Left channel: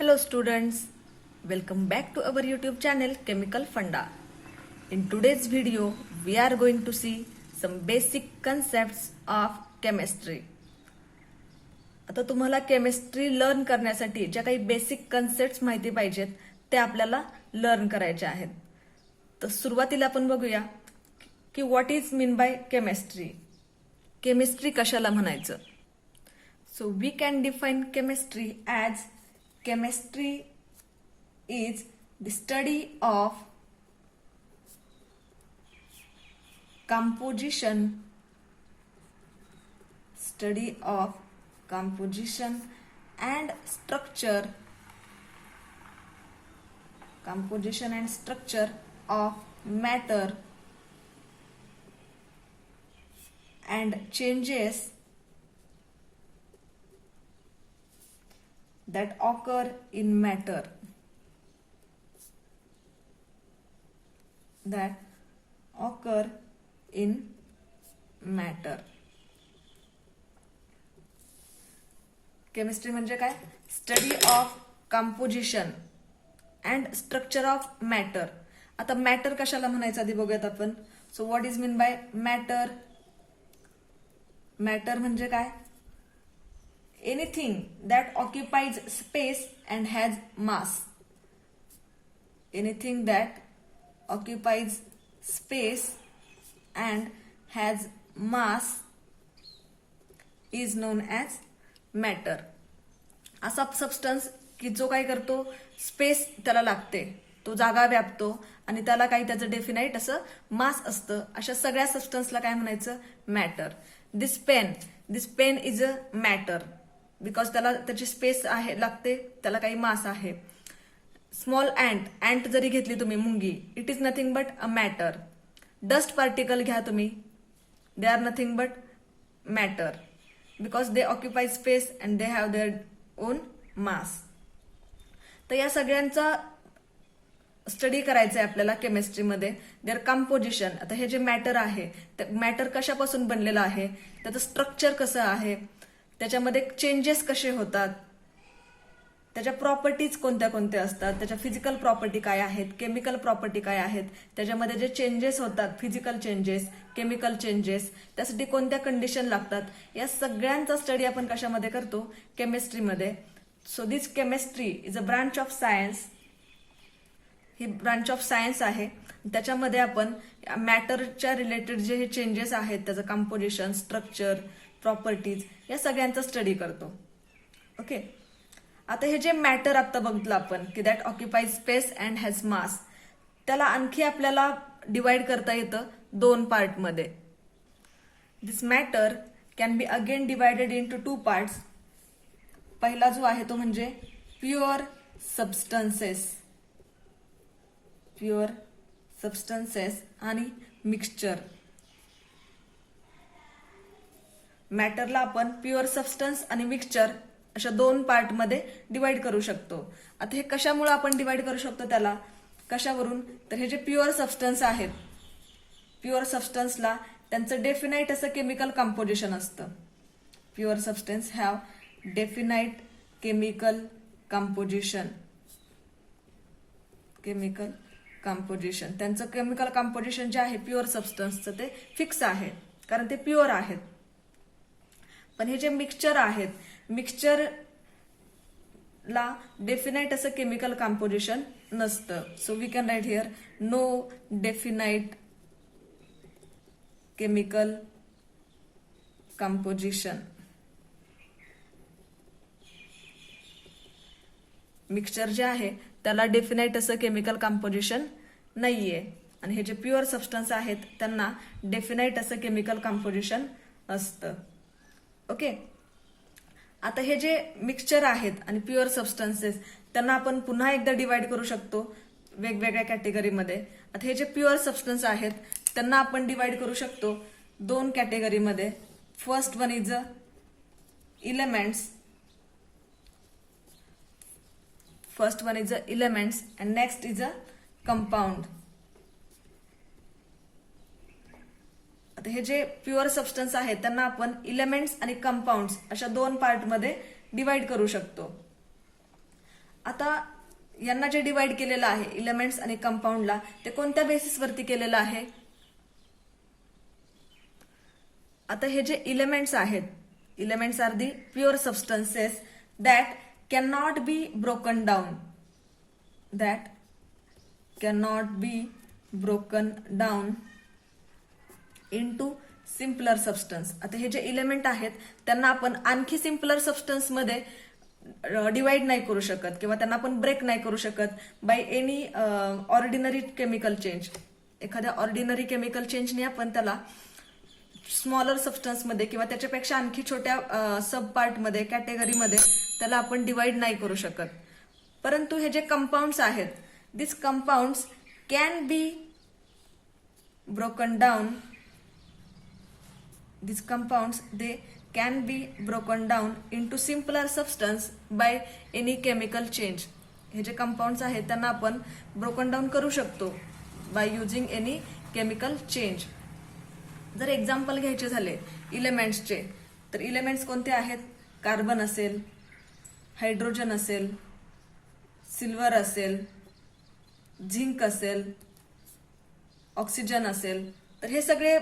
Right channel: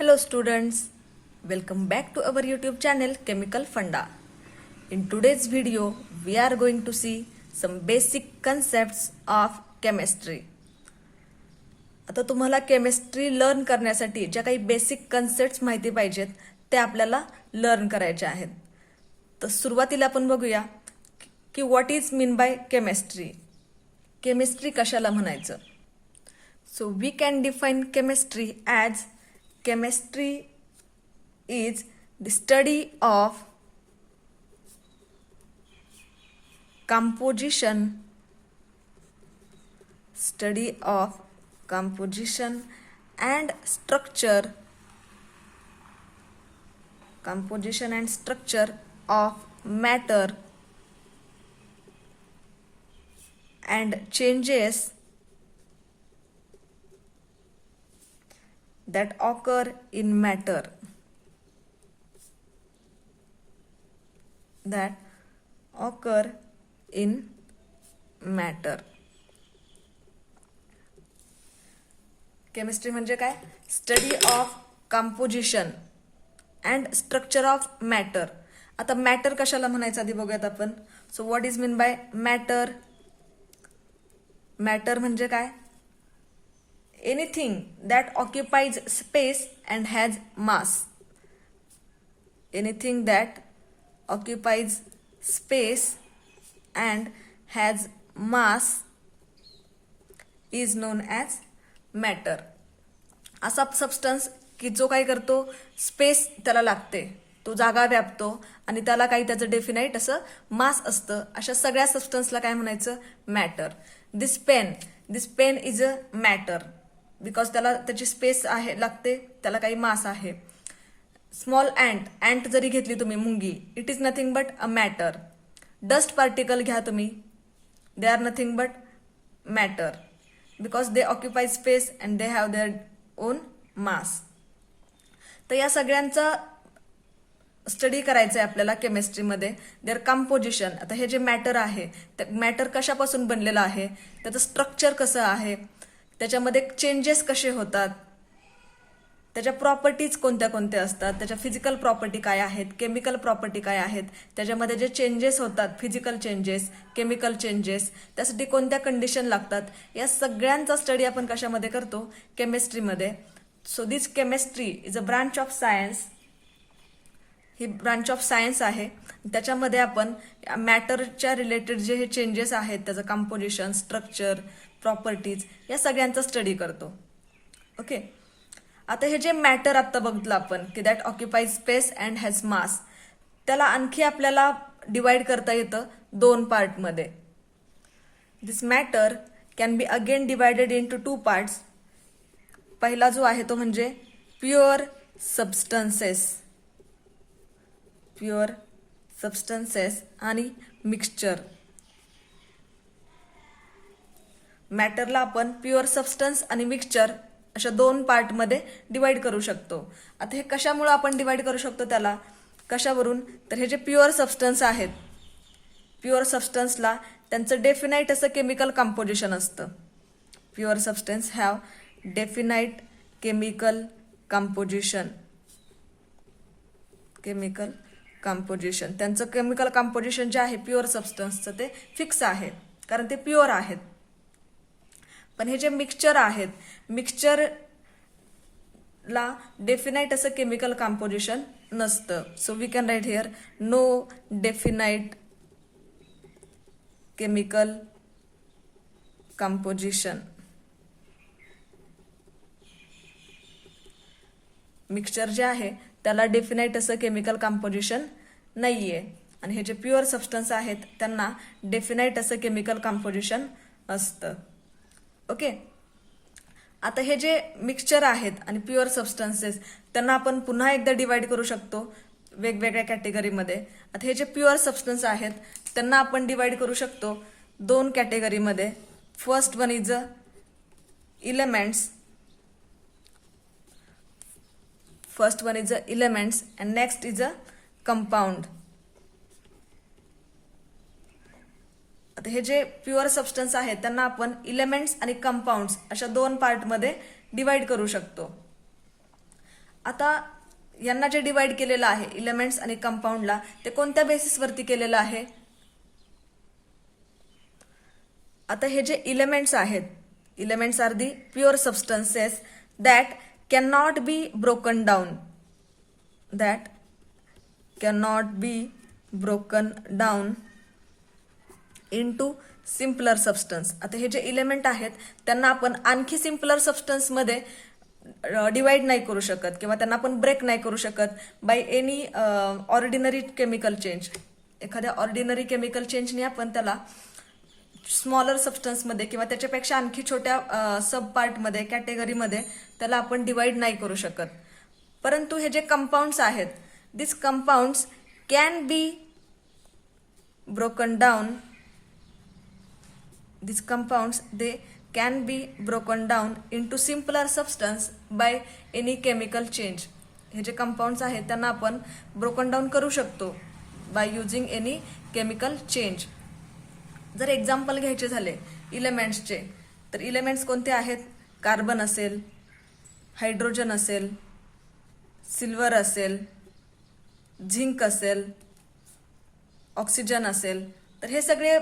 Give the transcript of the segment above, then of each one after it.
Hello students, welcome back to our YouTube channel Chemical Funda. In today's video, we are going to see some basic concepts of chemistry. आता तुम्हाला chemistry learn करण्यासाठी ज्या काही basic concepts माहिती पाहिजेत ते आपल्याला लर्न करायचे आहेत. तर सुरुवातीला आपण बघूया की what is mean by chemistry. Chemistry कशाला म्हणायचं. So we can define chemistry as chemistry is the study of composition and structure of matter and changes that occur in matter. Chemistry म्हणजे काय. Study of composition and structure of matter. आता matter कशाला म्हणायचं आधी बघूयात आपण. So what is mean bye matter. Matter म्हणजे काय. Anything that occupies space and has mass. Anything that occupies space and has mass is known as matter. असा substance की जो काय करतो, स्पेस त्याला लागते, तो जागा व्यापतो आणि त्याला काही त्याचं डेफिनाईट असं मास असतं. अशा सगळ्या सबस्टन्सला काय म्हणायचं, matter. This pen is a matter because त्याला त्याची स्पेस आहे लागते, त्याला काही मास आहे. स्मॉल अँट जरी घेतली तुम्ही, मुंगी, it is nothing but a matter. Dust particle घ्या तुम्ही, they are nothing but matter because they occupy space and they have their own mass. तर या सगळ्यांचा स्टडी करायचं आहे आपल्याला केमिस्ट्रीमध्ये. There composition. आता हे जे मॅटर आहे, मॅटर कशापासून बनलेलं आहे, त्याचं स्ट्रक्चर कसं आहे, त्याच्यामध्ये चेंजेस कसे होतात, त्याच्या प्रॉपर्टीज कोणत्या कोणत्या असतात, त्याच्या फिजिकल प्रॉपर्टी काय आहेत, केमिकल प्रॉपर्टी काय आहेत, त्याच्यामध्ये जे चेंजेस होतात, फिजिकल चेंजेस, केमिकल चेंजेस, त्यासाठी कोणत्या कंडिशन लागतात, या सगळ्यांचा स्टडी आपण कशामध्ये करतो, केमिस्ट्रीमध्ये. So this chemistry is a branch of science. ही ब्रांच ऑफ सायन्स आहे. त्याच्यामध्ये आपण मॅटरच्या रिलेटेड जे हे चेंजेस आहेत, त्याचं कंपोजिशन, स्ट्रक्चर, प्रॉपर्टीज, या सगळ्यांचा स्टडी करतो. ओके. आता हे जे मॅटर आता बघितलं आपण की that occupies space and has mass, त्याला आणखी आपल्याला डिवाइड करता येतं दोन पार्टमध्ये. This matter can be again divided in two parts. पहिला जो आहे तो म्हणजे प्युअर सबस्टन्सेस आणि मिक्सचर. मॅटरला आपण प्युअर सबस्टन्स आणि मिक्सचर अशा दोन पार्टमध्ये डिवाइड करू शकतो. आता हे कशामुळे आपण डिवाइड करू शकतो, त्याला कशावरून, तर हे जे प्युअर सबस्टन्स आहेत, प्युअर सबस्टन्सला त्यांचं डेफिनाईट असं केमिकल कंपोजिशन असतं. Pure substance have definite chemical composition. त्यांचं केमिकल कंपोजिशन जे आहे प्युअर सबस्टन्सचं ते फिक्स आहे, कारण ते प्युअर आहेत. पण हे जे मिक्सचर आहेत, मिक्सचरला डेफिनाईट असं केमिकल कंपोजिशन नसतं. So we can write here no definite chemical composition. Mixture जे आहे त्याला डेफिनाईट असं केमिकल कंपोजिशन नाहीये, आणि हे जे प्युअर सबस्टन्स आहेत त्यांना डेफिनाईट असं केमिकल कंपोजिशन असतं. ओके. आता हे जे मिक्सचर आहेत आणि प्युअर सबस्टन्सेस, त्यांना आपण पुन्हा एकदा डिवाइड करू शकतो वेगवेगळ्या कॅटेगरीमध्ये. आता हे जे प्युअर सबस्टन्स आहेत त्यांना आपण डिवाइड करू शकतो दोन कॅटेगरीमध्ये. First one is a elements and next is a compound. आता हे जे प्युअर सबस्टन्स आहेत त्यांना आपण इलेमेंट्स आणि कंपाऊंड्स अशा दोन पार्टमध्ये डिवाइड करू शकतो. आता यांना जे डिवाइड केलेलं आहे इलेमेंट्स आणि कंपाऊंडला, ते कोणत्या बेसिसवरती केलेलं आहे? आता हे जे इलेमेंट्स आहेत, elements are the pure substances that can not be broken down, that cannot be broken down into simpler substance. आता हे जे इलेमेंट आहेत त्यांना आपण आणखी सिम्पलर सबस्टन्समध्ये डिवाइड नाही करू शकत किंवा त्यांना आपण ब्रेक नाही करू शकत by any ordinary chemical change. एखाद्या ऑर्डिनरी केमिकल चेंजने आपण त्याला स्मॉलर सबस्टन्समध्ये किंवा त्याच्यापेक्षा आणखी छोट्या सब पार्टमध्ये, कॅटेगरीमध्ये त्याला आपण डिवाइड नाही करू शकत. परंतु हे जे कंपाऊंड्स आहेत, this compounds can be broken down, these compounds they can be broken down into simpler substance by any chemical change. हे जे कंपाऊंड्स आहेत त्यांना आपण ब्रोकन डाऊन करू शकतो by using any chemical change. जर एक्झाम्पल घ्यायचे झाले इलेमेंट्सचे, तर इलेमेंट्स कोणते आहेत? कार्बन असेल, हायड्रोजन असेल, सिल्वर असेल, झिंक असेल, ऑक्सिजन असेल. तर हे सगळे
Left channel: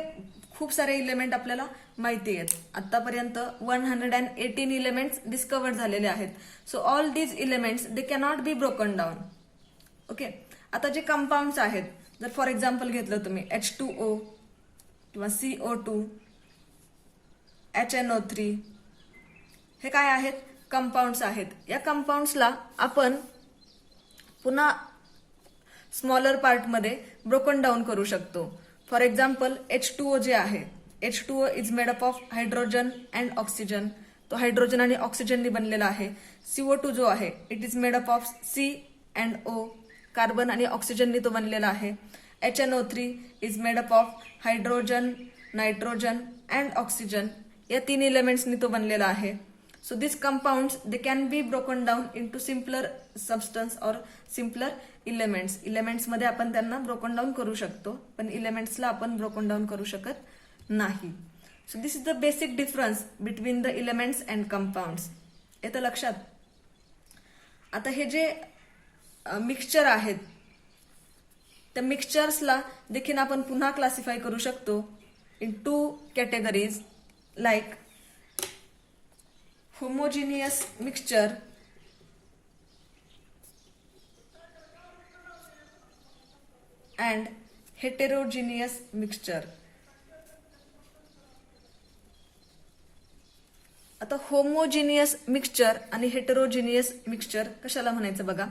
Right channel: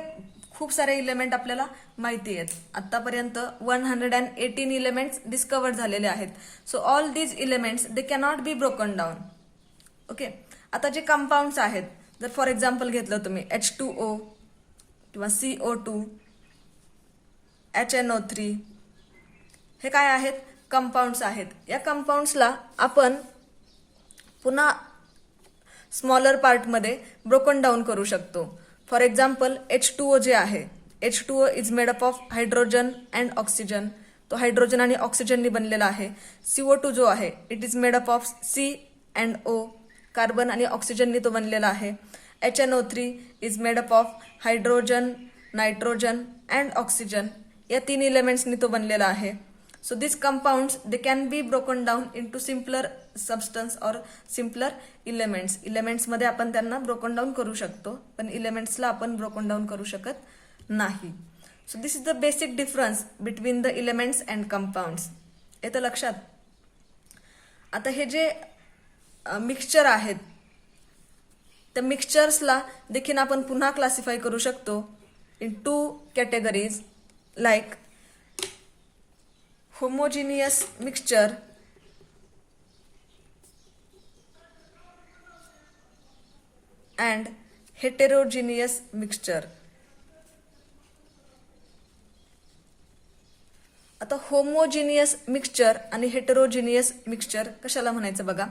खूप सारे इलेमेंट आपल्याला माहिती आहेत. आतापर्यंत 118 इलेमेंट्स डिस्कवर झालेले आहेत. So all these elements they cannot be broken down. Okay. आता जे कंपाऊंड्स आहेत, जर फॉर एक्झाम्पल घेतलं तुम्ही H2O किंवा CO2, HNO3, हे काय आहेत? कंपाऊंड्स आहेत. या कंपाऊंड्सला आपण पुन्हा स्मॉलर पार्टमध्ये ब्रोकन डाऊन करू शकतो. फॉर एक्झाम्पल H2O जे आहे, H2O is made up of hydrogen and oxygen. तो हायड्रोजन आणि ऑक्सिजननी बनलेला आहे. CO2 जो आहे, it is made up of C and O, carbon आणि ऑक्सिजननी तो बनलेला आहे. HNO3 is made up of hydrogen, nitrogen and oxygen. या 3 इलेमेंट्सनी तो बनलेला आहे. So this compounds they can be broken down into simpler substance or simpler elements. इलेमेंट्समध्ये आपण त्यांना ब्रोकन डाऊन करू शकतो, पण इलेमेंट्सला आपण ब्रोकन डाऊन करू शकत नाही. So this is the basic difference between the elements and compounds. येतं लक्षात? आता हे जे मिक्सचर आहेत, त्या मिक्सचर्सला देखील आपण पुन्हा क्लासिफाय करू शकतो in 2 categories like homogeneous mixture and heterogeneous mixture. आता होमोजिनियस मिक्सचर आणि हेटेरोजिनियस मिक्सचर कशाला म्हणायचं बघा.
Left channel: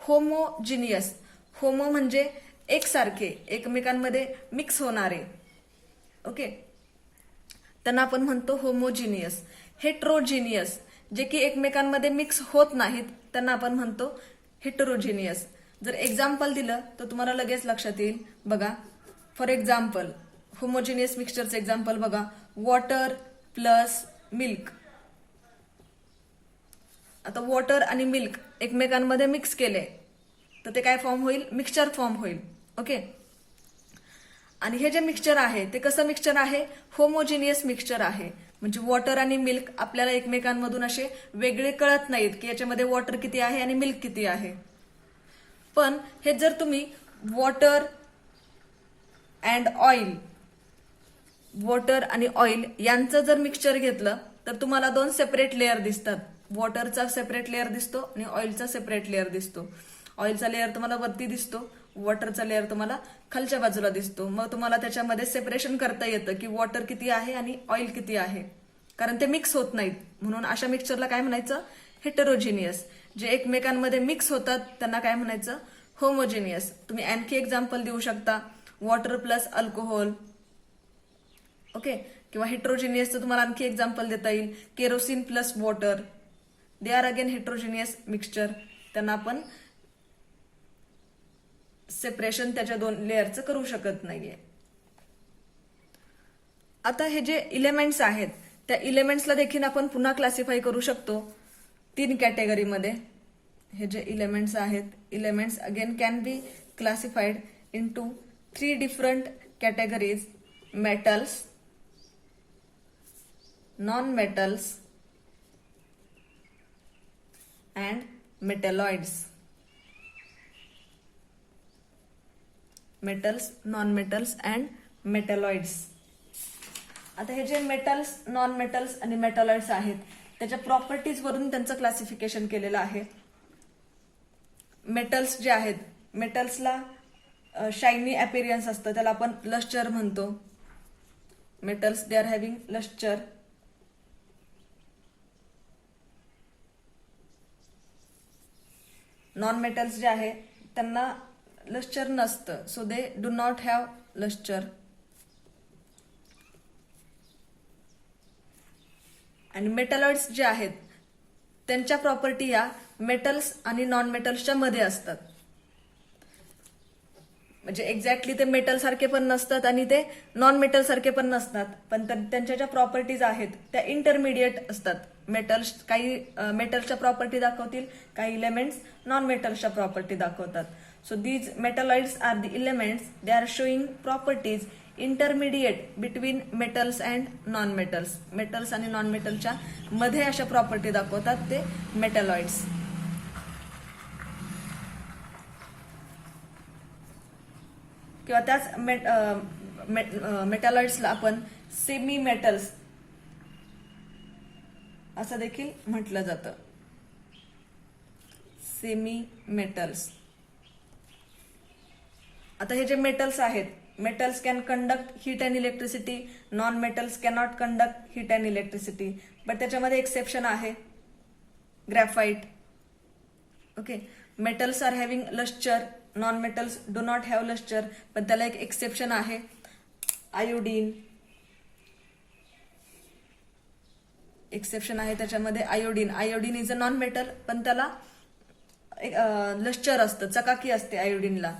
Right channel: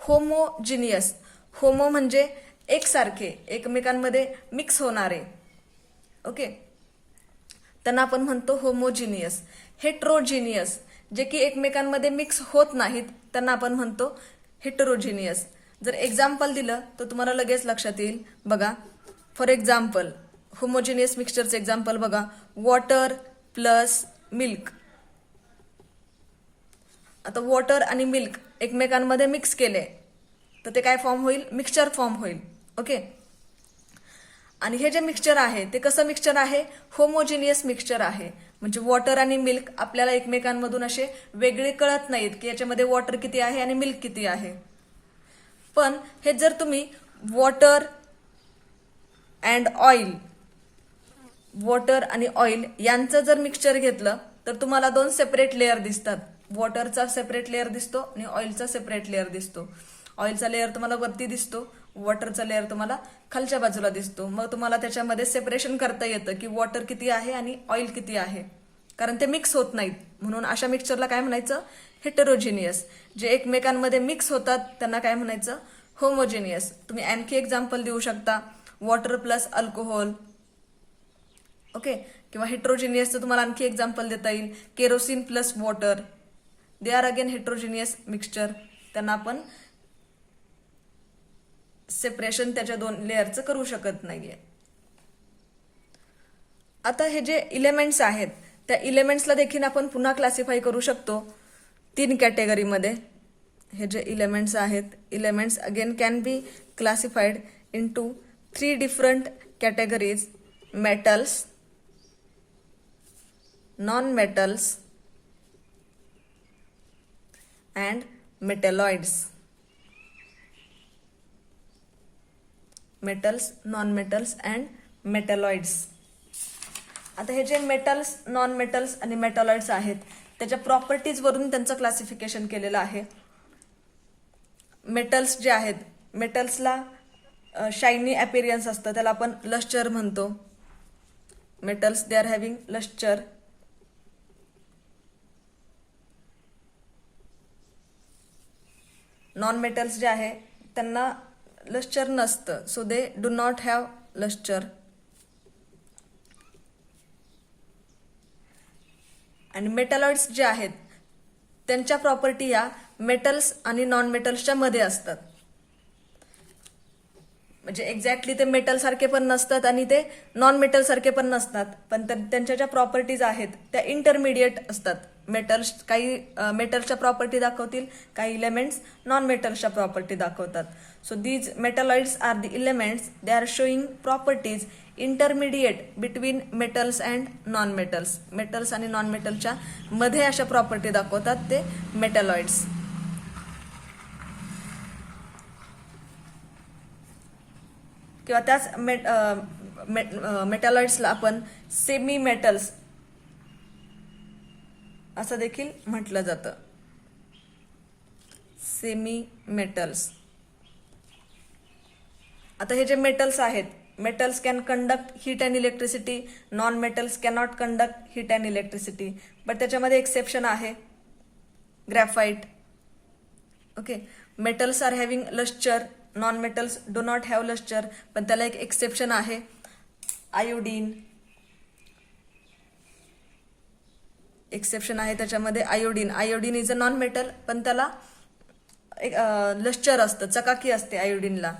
होमोजिनियस, होमो म्हणजे एकसारखे, एकमेकांमध्ये मिक्स होणारे. ओके, त्यांना आपण म्हणतो होमोजिनियस. हेट्रोजिनियस, जे की एकमेकांमध्ये मिक्स होत नाहीत, त्यांना आपण म्हणतो हेटेरोजिनियस. जर एक्झाम्पल दिलं तर तुम्हाला लगेच लक्षात येईल. बघा, फॉर एक्झाम्पल होमोजिनियस मिक्सचरचे एक्झाम्पल बघा. Water plus milk. आता वॉटर आणि मिल्क एकमेकांमध्ये मिक्स केले तर ते काय फॉर्म होईल? मिक्सचर फॉर्म होईल. ओके. आणि हे जे मिक्सचर आहे ते कसं मिक्सचर आहे? होमोजिनियस मिक्सचर आहे. म्हणजे वॉटर आणि मिल्क आपल्याला एकमेकांमधून असे वेगळे कळत नाहीत की याच्यामध्ये वॉटर किती आहे आणि मिल्क किती आहे. पण हे जर तुम्ही वॉटर अँड ऑइल, वॉटर आणि ऑइल यांचं जर मिक्सचर घेतलं तर तुम्हाला 2 सेपरेट लेअर दिसतात. वॉटरचा सेपरेट लेअर दिसतो आणि ऑइलचा सेपरेट लेअर दिसतो. ऑइलचा लेअर तुम्हाला वरती दिसतो, वॉटरचा लेअर तुम्हाला खालच्या बाजूला दिसतो. मग तुम्हाला त्याच्यामध्ये सेपरेशन करता येतं की वॉटर किती आहे आणि ऑइल किती आहे, कारण ते मिक्स होत नाहीत. म्हणून अशा मिक्सचरला काय म्हणायचं? हेटेरोजिनियस. जे एकमेकांमध्ये मिक्स होतात त्यांना काय म्हणायचं? होमोजिनियस. तुम्ही आणखी एक्झाम्पल देऊ शकता, वॉटर प्लस अल्कोहोल. ओके. किंवा हेटेरोजिनियसचं तुम्हाला आणखी एक्झाम्पल देता येईल, kerosene plus water. They are again heterogeneous mixture. त्यांना आपण सेपरेशन त्याच्या 2 लेअरचं करू शकत नाहीये. आता हे जे इलेमेंट्स आहेत त्या इलेमेंट्सला देखील आपण पुन्हा क्लासिफाय करू शकतो 3 कॅटेगरीमध्ये. हे जे इलेमेंट्स आहेत, elements again can be classified into 3 different categories. Metals, non metals and metalloids. Metals, non metals and metalloids. आता हे जे मेटल्स, नॉन मेटल्स आणि मेटॅलॉइड्स आहेत त्याच्या प्रॉपर्टीज वरून त्यांचं क्लासिफिकेशन केलेलं आहे. मेटल्स जे आहेत, मेटल्सला शायनी अपीरियन्स असतं, त्याला आपण लस्टर म्हणतो. Metals they are having lustre. Non metals जे आहे त्यांना लस्टर नसतं, so they do not have lustre. आणि मेटॅलॉइड्स जे आहेत त्यांच्या प्रॉपर्टी या मेटल्स आणि नॉन मेटल्सच्या मध्ये असतात. म्हणजे एक्झॅक्टली ते मेटल सारखे पण नसतात आणि ते नॉन मेटल सारखे पण नसतात, पण त्यांच्या ज्या प्रॉपर्टीज आहेत त्या इंटरमिडिएट असतात. मेटल्स काही मेटल्सच्या प्रॉपर्टी दाखवतील, काही इलेमेंट्स नॉन मेटल्सच्या प्रॉपर्टी दाखवतात. So these metalloids are the elements, they are showing properties intermediate between metals and non metals. Metals आणि नॉन मेटलच्या मध्ये अशा प्रॉपर्टी दाखवतात ते मेटॅलॉइड्स. किंवा त्याच मेटॅलॉइड्सला आपण सेमी मेटल्स असं देखील म्हटलं जातं. Semi metals. आता हे जे मेटल्स आहेत, metals can conduct heat and electricity, non metals cannot conduct heat and electricity. But त्याच्यामध्ये एक्सेप्शन आहे, graphite. Okay, metals are having lustre, non metals do not have lustre, पण त्याला एक एक्सेप्शन आहे, आयोडीन. एक्सेप्शन आहे त्याच्यामध्ये iodine. Iodine is a non metal, पण त्याला लस्टर असतं, चकाकी असते आयोडीनला.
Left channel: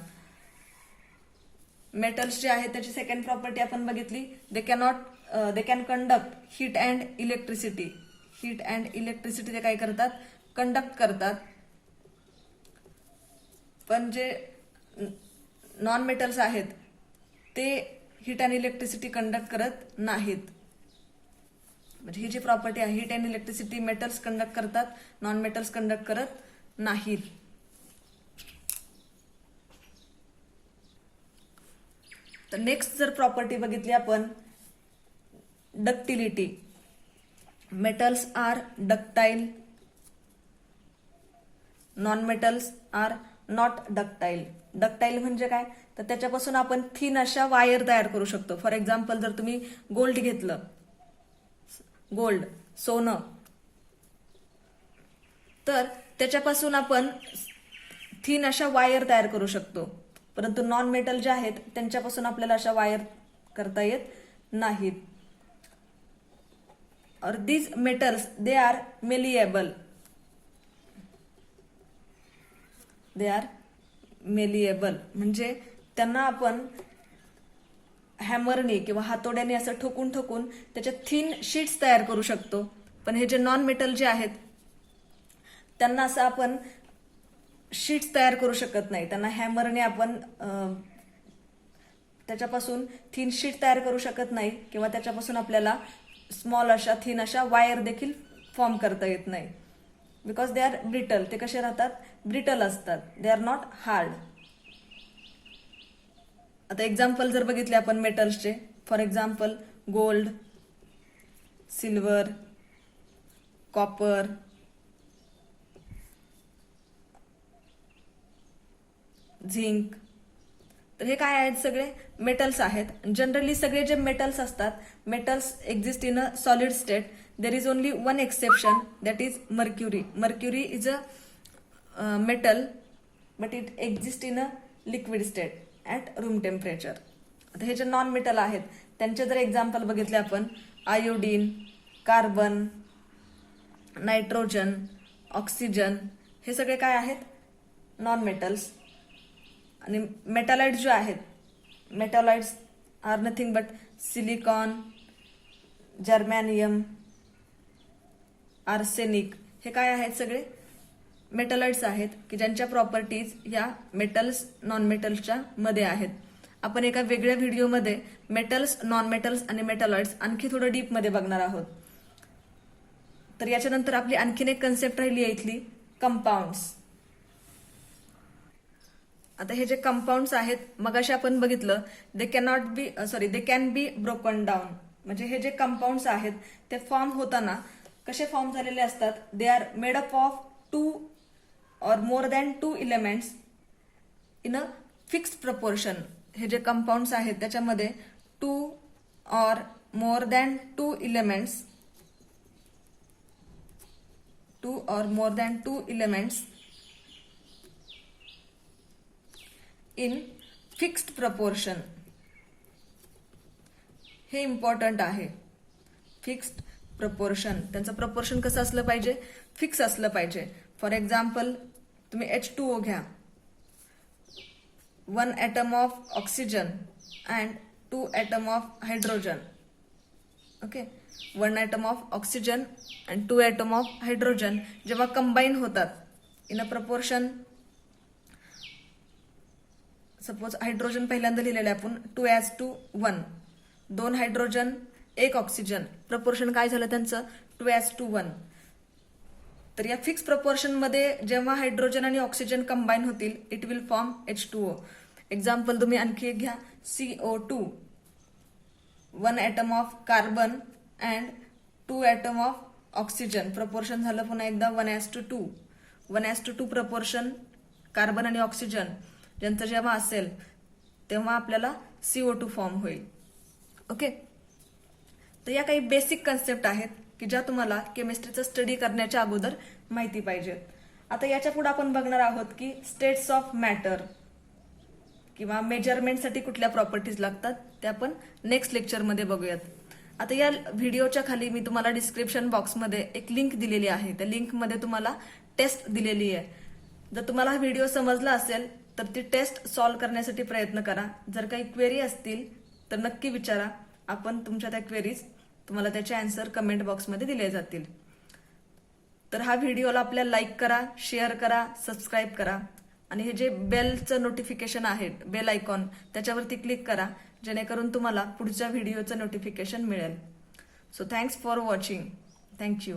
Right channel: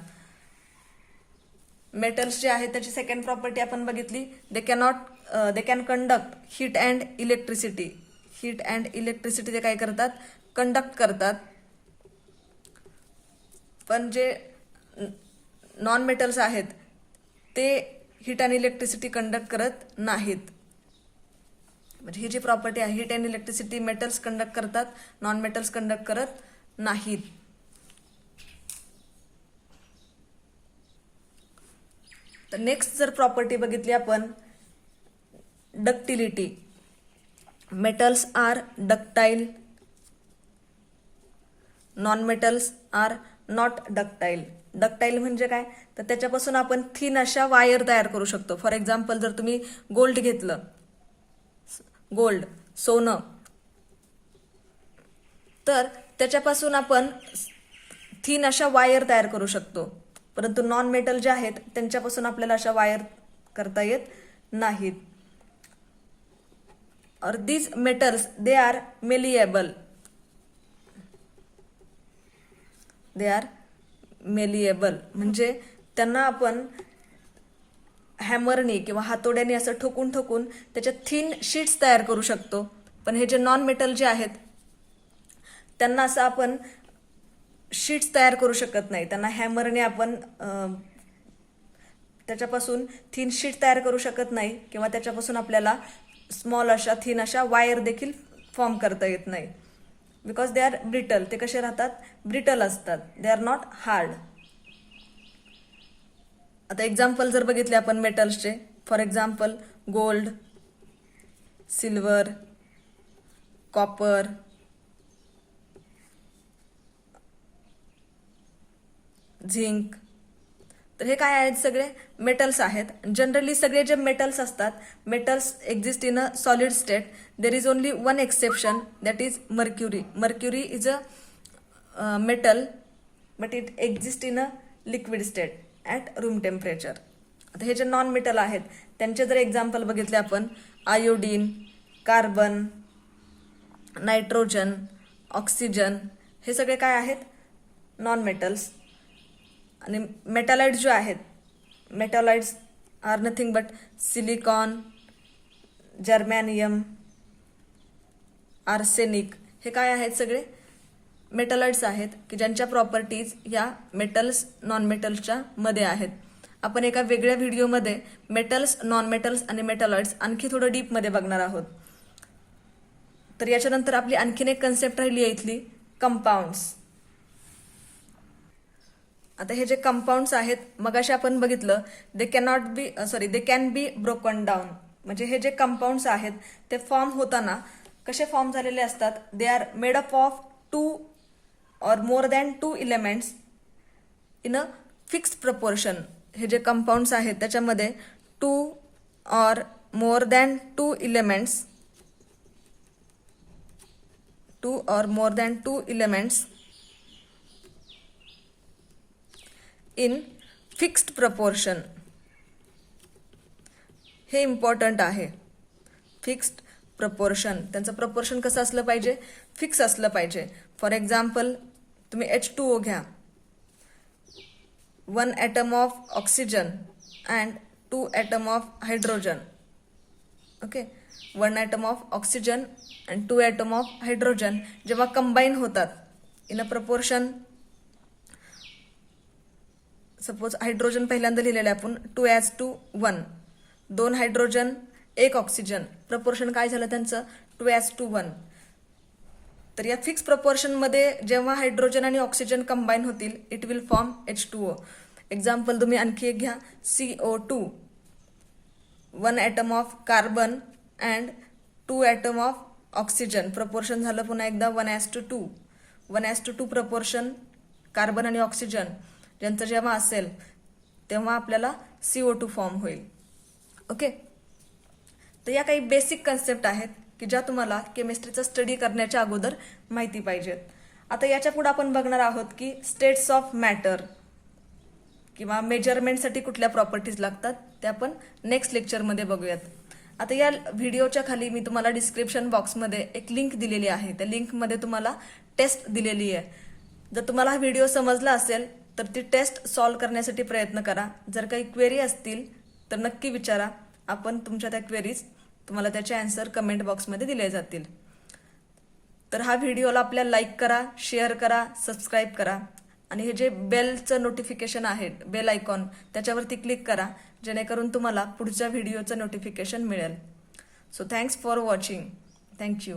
मेटल्स जे आहे त्याची सेकंड प्रॉपर्टी आपण बघितली, they can conduct heat and electricity. Heat and electricity ते काय करतात, कंडक्ट करतात. पण जे नॉन मेटल्स आहेत ते हीट अँड इलेक्ट्रिसिटी कंडक्ट करत नाहीत. म्हणजे ही जी प्रॉपर्टी आहे, heat and electricity metals conduct करतात, नॉन मेटल्स कंडक्ट करत नाहीत. तर नेक्स्ट जर प्रॉपर्टी बघितली आपण, ductility. Metals are ductile, non metals are not ductile. Ductile म्हणजे काय, तर त्याच्यापासून आपण थिन अशा वायर तयार करू शकतो. फॉर एक्झाम्पल जर तुम्ही गोल्ड घेतलं, गोल्ड सोनं, तर त्याच्यापासून आपण थिन अशा वायर तयार करू शकतो. परंतु नॉन मेटल जे आहेत त्यांच्यापासून आपल्याला अशा वायर करता येत नाहीत. और these metals they R malleable. They are malleable म्हणजे त्यांना आपण हॅमरने किंवा हातोड्याने असं ठोकून ठोकून त्याच्या थिन शीट्स तयार करू शकतो. पण हे जे नॉन मेटल जे आहेत त्यांना असं आपण शीट्स तयार करू शकत नाही. त्यांना हॅमरने आपण त्याच्यापासून थिन शीट तयार करू शकत नाही किंवा त्याच्यापासून आपल्याला स्मॉल अशा थिन अशा वायर देखील फॉर्म करता येत नाही. Because they are brittle. ते कसे राहतात, ब्रिटल असतात. They are not hard. आता एक्झाम्पल जर बघितले आपण मेटल्सचे, for example gold, silver, copper, zinc, तर हे काय आहेत, सगळे मेटल्स आहेत. जनरली सगळे जे मेटल्स असतात, metals exist in a solid state. There is only one exception, that is mercury. Mercury is a metal but it exist in a liquid state at room temperature. आता हे जे non metal आहेत त्यांचे जर example बघितले आपण, iodine, carbon, nitrogen, oxygen, हे सगळे काय आहेत, नॉन मेटल्स. आणि मेटॅलॉइड्स जो आहेत, metalloids are nothing but silicon, germanium, arsenic, हे काय आहेत, सगळे मेटॅलॉइड्स आहेत की ज्यांच्या प्रॉपर्टीज या मेटल्स नॉन मेटल्सच्या मध्ये आहेत. आपण एका वेगळ्या व्हिडिओमध्ये मेटल्स, नॉन मेटल्स आणि मेटॅलॉइड्स आणखी थोडं डीपमध्ये बघणार आहोत. तर याच्यानंतर आपली आणखीन एक कन्सेप्ट राहिली आहे इथली, कंपाऊंड्स. आता हे जे कंपाऊंड्स आहेत मगाशी आपण बघितलं दे कॅन बी ब्रोकन डाऊन. म्हणजे हे जे कंपाऊंड्स आहेत ते फॉर्म होताना कसे फॉर्म झालेले असतात, they R made up of 2 or more than 2 elements in a fixed proportion. हे जे कंपाऊंड्स आहेत त्याच्यामध्ये 2 or more than 2 elements in fixed proportion. हे इम्पॉर्टंट आहे. फिक्स्ड प्रपोर्शन, त्यांचं प्रपोर्शन कसं असलं पाहिजे, फिक्स असलं पाहिजे. फॉर एक्झाम्पल तुम्ही H2O घ्या, 1 atom of oxygen and 2 atom of hydrogen. Okay, 1 atom of oxygen and 2 atom of hydrogen जेव्हा कंबाईन होतात in a proportion, suppose hydrogen पहिल्यांदा लिहिलेलं आपण 2:1, 2 हायड्रोजन 1 ऑक्सिजन, प्रपोर्शन काय झालं त्यांचं 2:1. तर या फिक्स प्रपोर्शन मध्ये जेव्हा हायड्रोजन आणि ऑक्सिजन कंबाईन होतील it will form H2O. Example तुम्ही आणखी एक घ्या, CO2, 1 atom of carbon and 2 atom of oxygen, proportion झालं पुन्हा एकदा 1:2. 1:2 प्रपोर्शन कार्बन आणि ऑक्सिजन ज्यांचं जेव्हा असेल तेव्हा आपल्याला CO2 फॉर्म होईल. ओके, तर या काही बेसिक कन्सेप्ट आहेत की ज्या तुम्हाला केमिस्ट्रीचा स्टडी करण्याच्या अगोदर माहिती पाहिजेत. आता याच्या पुढे आपण बघणार आहोत की स्टेट्स ऑफ मॅटर किंवा मेजरमेंटसाठी कुठल्या प्रॉपर्टीज लागतात ते आपण नेक्स्ट लेक्चरमध्ये बघूयात. आता या व्हिडिओच्या खाली मी तुम्हाला डिस्क्रिप्शन बॉक्समध्ये एक लिंक दिलेली आहे. त्या लिंकमध्ये तुम्हाला टेस्ट दिलेली आहे. जर तुम्हाला हा व्हिडिओ समजला असेल तर ती टेस्ट सॉल्व्ह करण्यासाठी प्रयत्न करा. जर काही क्वेरी असतील तर नक्की विचारा. आपण तुमच्या त्या क्वेरीज तुम्हाला त्याचे आन्सर कमेंट बॉक्समध्ये दिले जातील. तर हा व्हिडिओला आपल्या लाईक करा, शेअर करा, सबस्क्राईब करा आणि हे जे बेलचं नोटिफिकेशन आहे, बेल आयकॉन, त्याच्यावरती क्लिक करा जेणेकरून तुम्हाला पुढच्या व्हिडिओचं नोटिफिकेशन मिळेल. So thanks for watching. Thank you.